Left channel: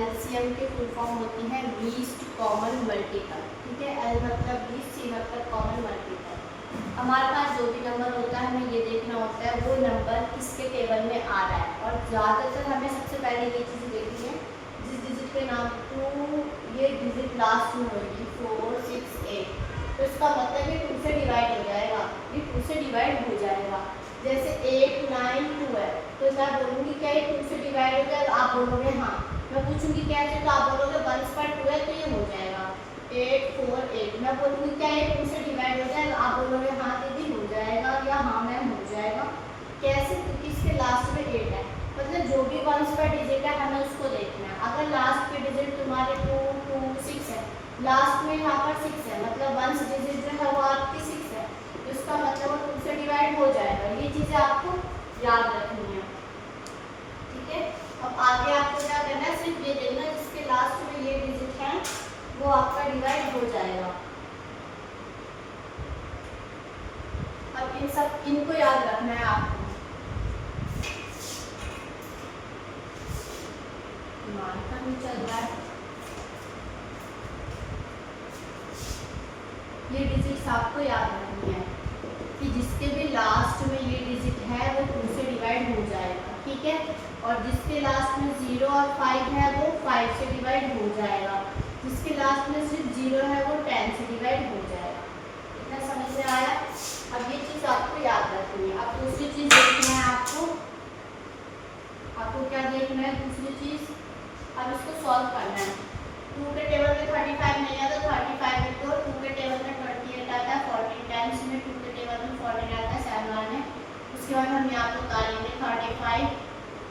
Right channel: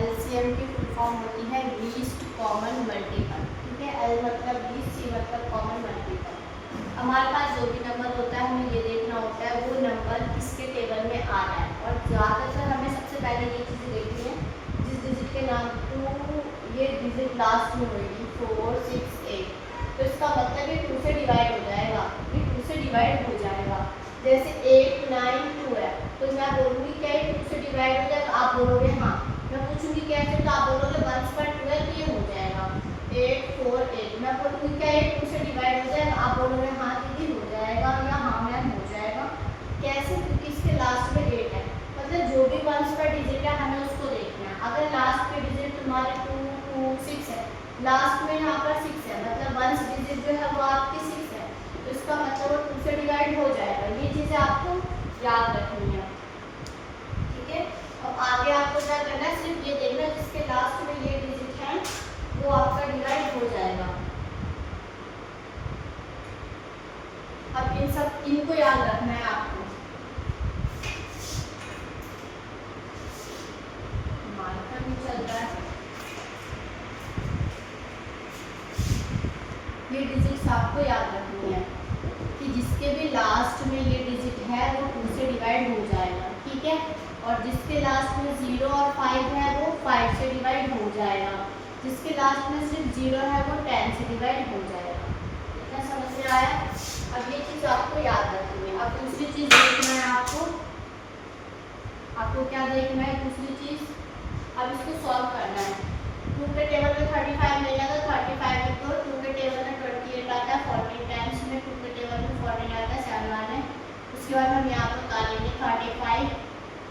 LCM की full form होती है लीस्ट कॉमन मल्टीपल। ठीक है, एल मतलब लीस्ट, सी मतलब कॉमन मल्टीपल। हमारे पास जो भी नंबर होता है हमें ये देखना होता है वो नंबर किसके टेबल में आ रहा है, और ज़्यादातर हमें सबसे पहले ये चीज़ें देखनी है जिस डिजिट के नाम टू ये डिजिट लास्ट में होगी 4, 6, 8, तो इसका मतलब ये 2 से डिवाइड हो जाएगा, ये 2 से डिवाइड हो जाएगा। जैसे 8, 9, 2 है तो मैं बोलूँगी क्या ये 2 से डिवाइड हो जाएगा, आप बोलोगे हाँ। मैं पूछूंगी क्या है तो आप बोलोगे 1 पर 2 है तो ये हो जाएगा 8, 4, 8। मैं बोलूँगी क्या ये 2 से डिवाइड हो जाएगा, आप बोलोगे हाँ दीदी हो जाएगा या हाँ मैम हो जाएगा। कैसे? क्योंकि इसके लास्ट में 8 है, मतलब जो भी 1 पर डिजिट है हमें उसको देखना है। अगर लास्ट के डिजिट तुम्हारे 2, 2, 6 है, लास्ट में यहाँ पर 6 है, मतलब 1 डिजिट जो है वो आपकी 6 है, तो इसका मतलब वो 2 से डिवाइड हो जाएगा। ये चीज़ें आपको याद रखनी है। ठीक है, अब आगे आपको क्या करना है, सिर्फ ये देखना है जिसके लास्ट में ये डिजिट है वो आपका डिवाइड हो जाएगा। अब इनको याद रखना है आपको। मार्कर भी चल रहा है, ये डिजिट्स आपको याद रखनी है कि जिसके भी लास्ट में ये डिजिट है वो 2 से डिवाइड हो जाएगा। ठीक है, और जिसके लास्ट में 0 और 5 है वो 5 से डिवाइड हो जाएगा, जिसके लास्ट में सिर्फ 0 है वो 10 से डिवाइड हो जाएगा। इतना समझ में आया? अब ये चीज़ आपको याद रखनी है। अब दूसरी चीज़ देखना है आपको क्या देखना है दूसरी चीज़, अब इसको सॉल्व करना है। 2 के टेबल में 35 नहीं है तो 35 लिखो, 2 के टेबल में 28 आता है, 40 टाइम्स में 2 के टेबल में 40 आता है 7 में। उसके बाद हम यहाँ पर उतारेंगे 35,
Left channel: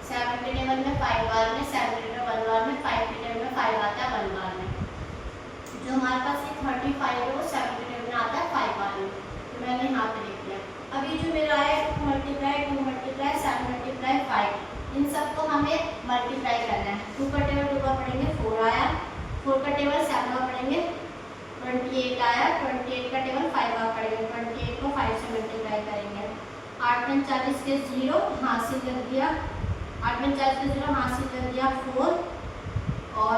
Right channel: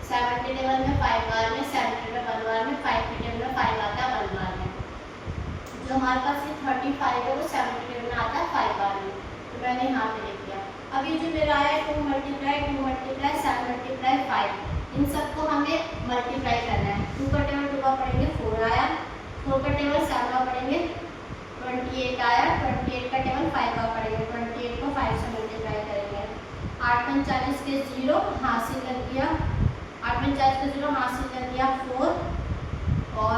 7 के टेबल में 5 बार में, 7 के टेबल 1 बार में, 5 के टेबल में 5 आता है 1 बार में। जो हमारे पास ये 35 है वो 7 के टेबल में आता है 5 बार में, तो मैंने यहाँ पे लिख दिया। अब ये जो मेरा है 2 मल्टीप्लाई 7 मल्टीप्लाई 5, इन सबको हमें मल्टीप्लाई करना है। 2 का टेबल 2 का पढ़ेंगे 4 आया, 4 का टेबल 7 का पढ़ेंगे 28 आया, 28 का टेबल 5 का पढ़ेंगे, 28 को 5 से मल्टीप्लाई करेंगे। 8 में 40 के 0 हासिल लग गया, 8 में 40 के 0 हासिल लग गया 4, और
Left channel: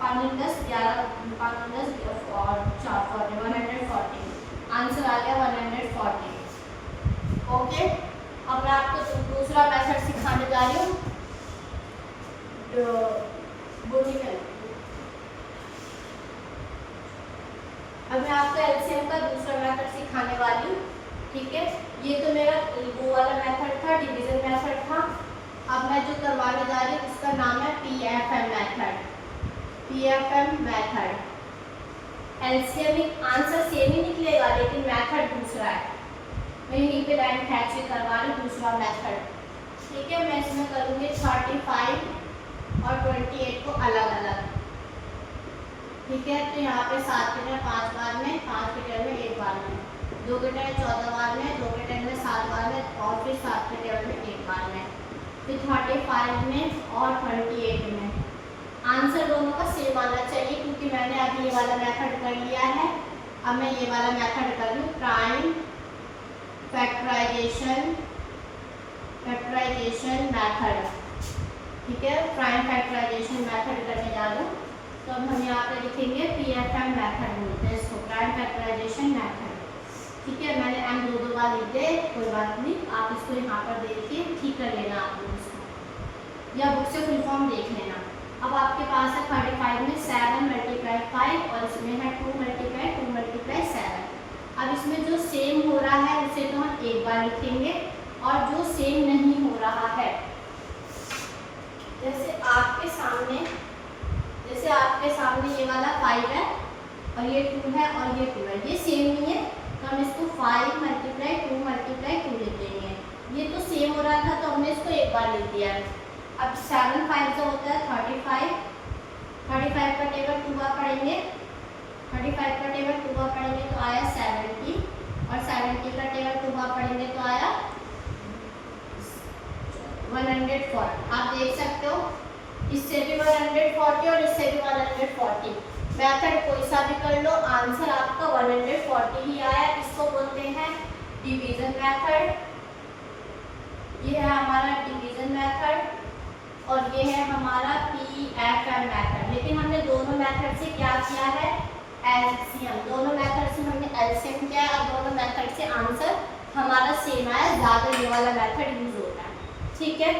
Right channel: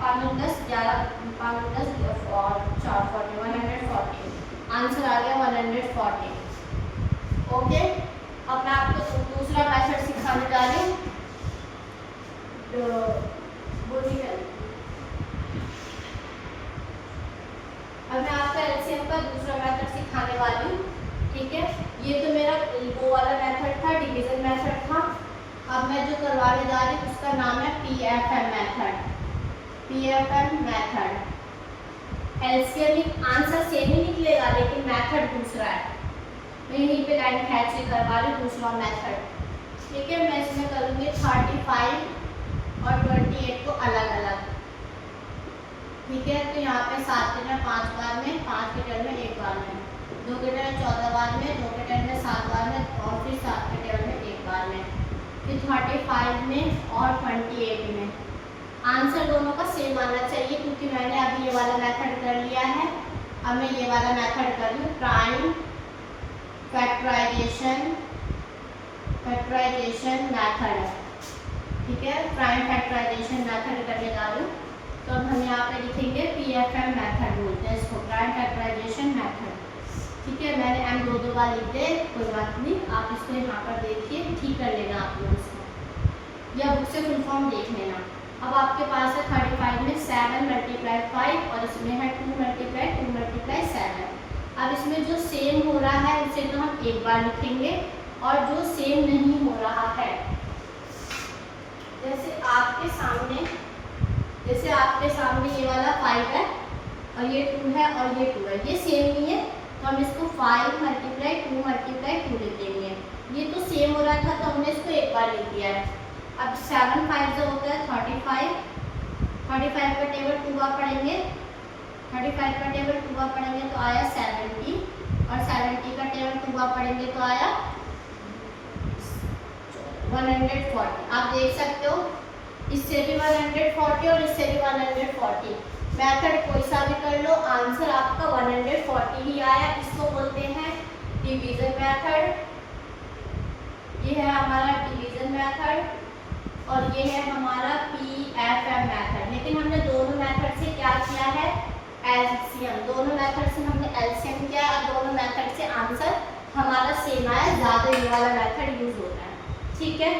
5 में 10 11, 5 में 10 और 4 40, 140 आंसर आ गया 140। ओके, अब मैं आपको दूसरा मेथड सिखाने जा रही हूँ, अब मैं आपको एलसीएम का दूसरा मेथड सिखाने वाली हूँ। ठीक है, ये तो मेरा वो वाला मेथड था, डिवीजन मेथड था। अब मैं जो करवाने जा रही हूँ उसका नाम है PFM method. PFM method LCM answer same ही निकलेगा लेकिन मेथड दूसरा है। मैं यहीं पे लाइन खींच के करवा रही हूँ दूसरा मेथड। ठीक है, मैं इसमें करूँगी 35 और 28 को अलग अलग। ठीक है, तो यहाँ पे 7 के टेबल 5 बार में, 5 के टेबल में 1 बार में, 2 के टेबल 14 बार में, 2 के टेबल में 7 बार में, और फिर 7 के टेबल में 1 बार में, फिर 35 में और 28 में। आंसर दोनों का सेम आना चाहिए क्योंकि मैंने अभी ये वाला मेथड कर लिया है। अब मैं ये वाला मेथड कर रही हूँ, प्राइम फैक्टराइजेशन मेथड। ठीक है, प्राइम फैक्टराइजेशन मेथड करने जा रही हूँ। तो अब हम यहाँ पे लिखेंगे पीएफएम मेथड बोलते हैं इसको, प्राइम फैक्टराइजेशन मेथड। ठीक है, मैंने एम दो बार लिख दे, कोई बात नहीं, आप इसको यहाँ पर देखिए, ठीक कर लेना आप लोग इसको, या बुक से फुल फॉर्म देख लेना। अब आपके पास है 35 में 7 मल्टीप्लाई 5 और इसमें है 2 मल्टीप्लाई 7। अब इसमें जो सेम हो रहा है उसे तो हम एक बार लिखेंगे, और जो सेम नहीं हो रहा है, जैसे आपके सामने ये वाला 5 है और ये 2 है और ये 2 है, ये सेम नहीं है तो हम इसको 5 मल्टीप्लाई 2 लिख देंगे। ये तो सेम हो रहा था तो हमने इसको एक बार लिख दिया है। अब 7 5 जो होता है 35, 35 का टेबल 2 बार पढ़ेंगे, 35 का टेबल 2 बार पढ़ेंगे तो आया 70, और 70 का टेबल 2 बार पढ़ेंगे तो आया 140। आप देख सकते हो इससे भी 140 और इससे भी 140। मेथड कोई सा भी कर लो, आंसर आपका 140 ही आया। इसको बोलते हैं डिवीजन मेथड। ये है हमारा डिवीजन मेथड और ये है हमारा पी एफ मेथड, लेकिन हमने दोनों मेथड से क्या किया है, एलसीएम, दोनों मेथड से हमने एलसीएम किया और दोनों मेथड से आंसर हमारा सेम आया, ज़्यादा ये वाला मेथड यूज होता है, ठीक है।